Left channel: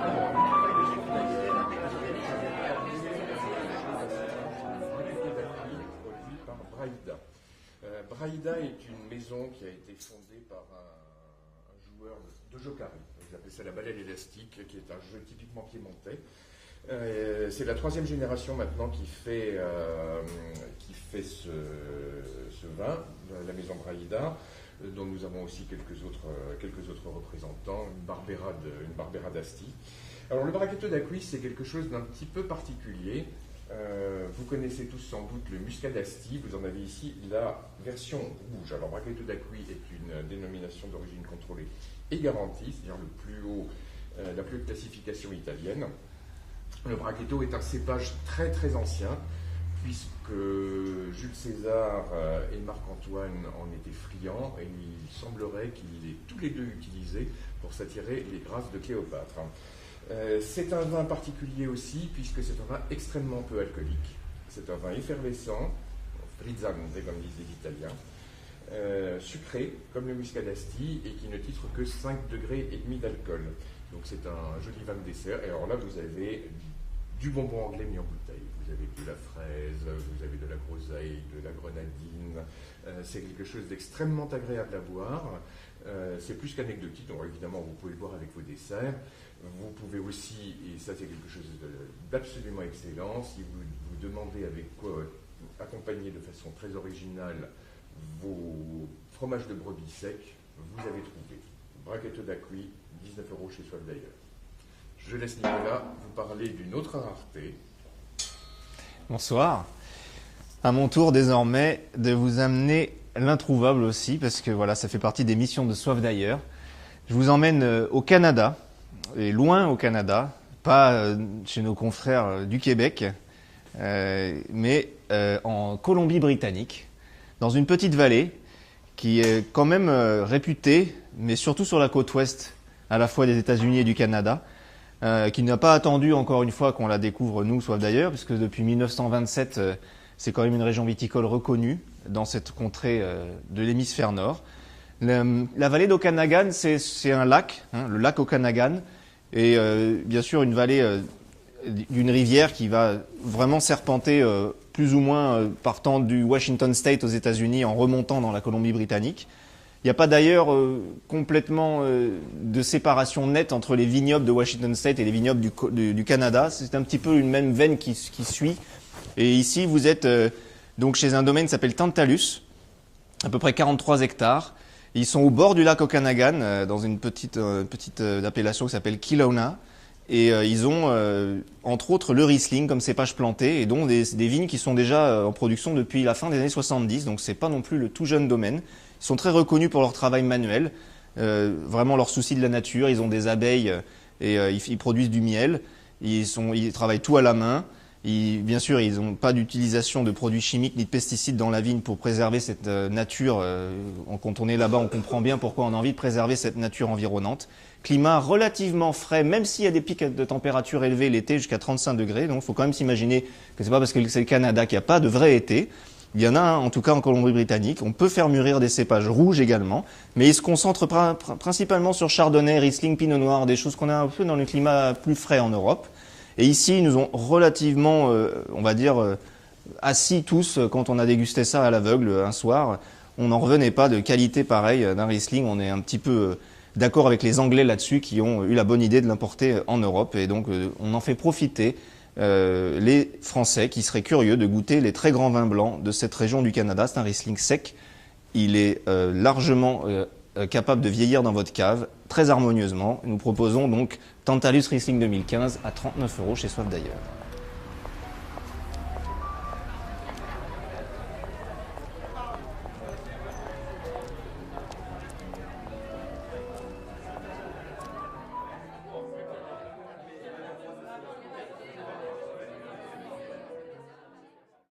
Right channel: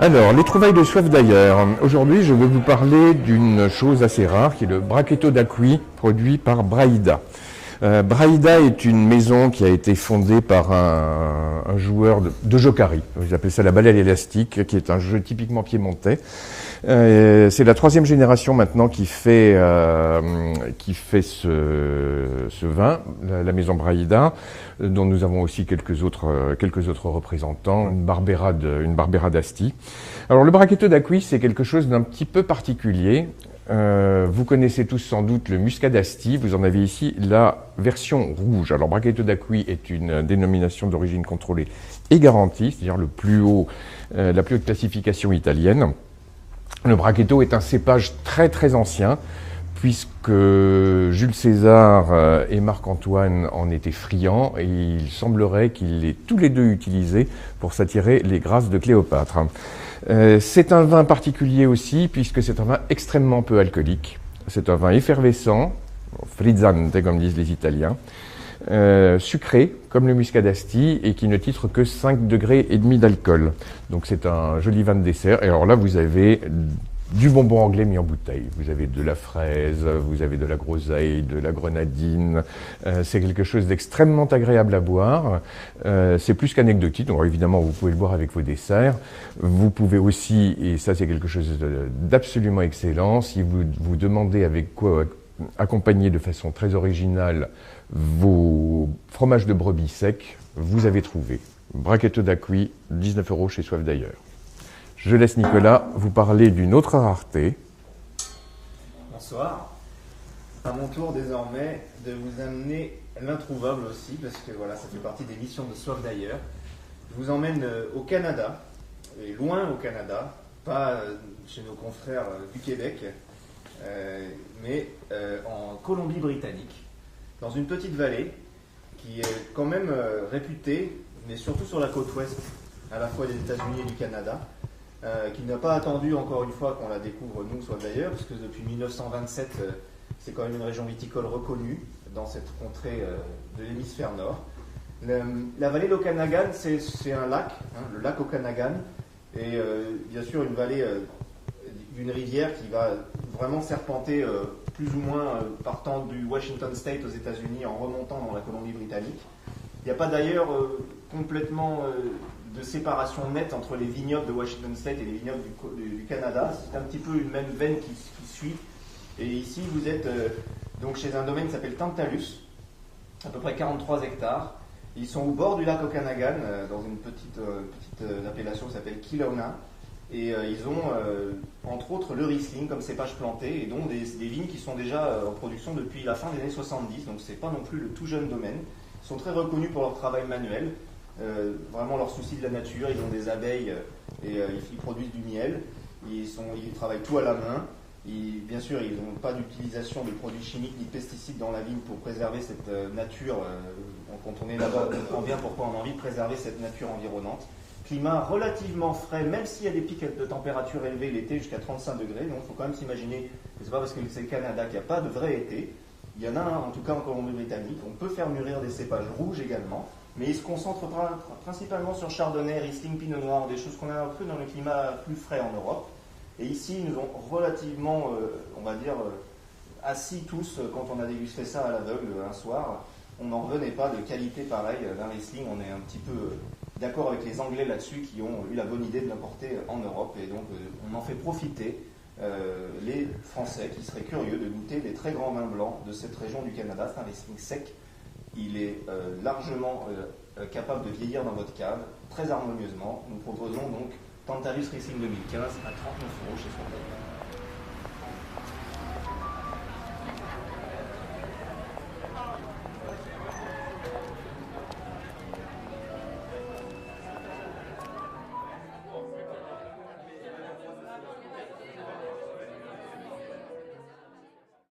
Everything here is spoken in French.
Alors, les trouvailles de soif d'ailleurs. Aujourd'hui, je vais vous parler d'une chose assez rare qui est le Brachetto d'Acqui, produit par Braida. Braida est une maison qui a été fondée par un joueur de Jokari. Ils appellent ça la balle à l'élastique, qui est un jeu typiquement piémontais. C'est la troisième génération maintenant qui fait ce vin, la maison Braida, dont nous avons aussi quelques autres représentants, une Barbera d'Asti. Alors le Brachetto d'Acqui, c'est quelque chose d'un petit peu particulier. Vous connaissez tous sans doute le Muscat d'Asti, vous en avez ici la version rouge. Alors Brachetto d'Acqui est une dénomination d'origine contrôlée et garantie, c'est-à-dire la plus haute classification italienne. Le Brachetto est un cépage très très ancien, puisque Jules César et Marc-Antoine en étaient friands, et il semblerait qu'ils l'aient tous les deux utilisé pour s'attirer les grâces de Cléopâtre. C'est un vin particulier aussi, puisque c'est un vin extrêmement peu alcoolique. C'est un vin effervescent, frizzante comme disent les Italiens, sucré comme le Muscat d'Asti et qui ne titre que 5,5 degrés d'alcool. Donc c'est un joli vin de dessert. Et alors là, vous avez du bonbon anglais mis en bouteille. Vous avez de la fraise, vous avez de la groseille, de la grenadine. C'est quelque chose d'extrêmement agréable à boire. C'est plus qu'anecdotique. Donc évidemment, vous pouvez le boire avec vos desserts. Vous pouvez aussi, et ça c'est quelque chose d'absolument excellent, si vous demandez avec quoi accompagner de façon très originale vos fromages de brebis secs, vous avez trouvé. Brachetto d'Acqui, 19 € chez Soif d'ailleurs. Je laisse Nicolas vous parler d'une autre rareté. Bonsoir. À mon tour désormais de vous amener l'introuvable aussi, parce que voilà, ça fait partie des missions de Soif d'ailleurs. Je vous emmène au Canada, et loin au Canada, pas chez nos confrères du Québec, mais en Colombie-Britannique, dans une petite vallée qui est quand même réputée, mais surtout sur la côte ouest, à la fois des États-Unis et du Canada, qui n'a pas attendu encore une fois qu'on la découvre nous, Soif d'ailleurs, parce que depuis 1927, c'est quand même une région viticole reconnue dans cette contrée de l'hémisphère nord. La vallée d'Okanagan, c'est un lac, hein, le lac Okanagan, et bien sûr une vallée d'une rivière qui va vraiment serpenter plus ou moins partant du Washington State aux États-Unis en remontant dans la Colombie-Britannique. Il n'y a pas d'ailleurs complètement de séparation nette entre les vignobles de Washington State et les vignobles du Canada. C'est un petit peu une même veine qui suit. Et ici, vous êtes donc chez un domaine qui s'appelle Tantalus, à peu près 43 hectares. Ils sont au bord du lac Okanagan, dans une petite appellation qui s'appelle Kelowna. Et ils ont, entre autres, le Riesling comme cépage planté, et dont des vignes qui sont déjà en production depuis la fin des années 70. Donc, ce n'est pas non plus le tout jeune domaine. Ils sont très reconnus pour leur travail manuel, vraiment leur souci de la nature. Ils ont des abeilles et ils produisent du miel. Ils travaillent tout à la main. Bien sûr, ils n'ont pas d'utilisation de produits chimiques ni de pesticides dans la vigne pour préserver cette nature. Quand on est là-bas, on comprend bien pourquoi on a envie de préserver cette nature environnante. Climat relativement frais, même s'il y a des pics de température élevés l'été jusqu'à 35 degrés. Donc il faut quand même s'imaginer que ce n'est pas parce que c'est le Canada qu'il n'y a pas de vrai été. Il y en a un, en tout cas en Colombie-Britannique. On peut faire mûrir des cépages rouges également, mais ils se concentrent principalement sur Chardonnay, Riesling, Pinot Noir, des choses qu'on a un peu dans le climat plus frais en Europe. Et ici, ils nous ont relativement, on va dire, assis tous quand on a dégusté ça à l'aveugle un soir. On n'en revenait pas de qualité pareille d'un Riesling. On est un petit peu d'accord avec les Anglais là-dessus qui ont eu la bonne idée de l'importer en Europe. Et donc, on en fait profiter les Français qui seraient curieux de goûter les très grands vins blancs de cette région du Canada. C'est un Riesling sec. Il est largement capable de vieillir dans votre cave, très harmonieusement. Nous proposons donc Tantalus Riesling 2015 à 39 € chez Soif d'ailleurs.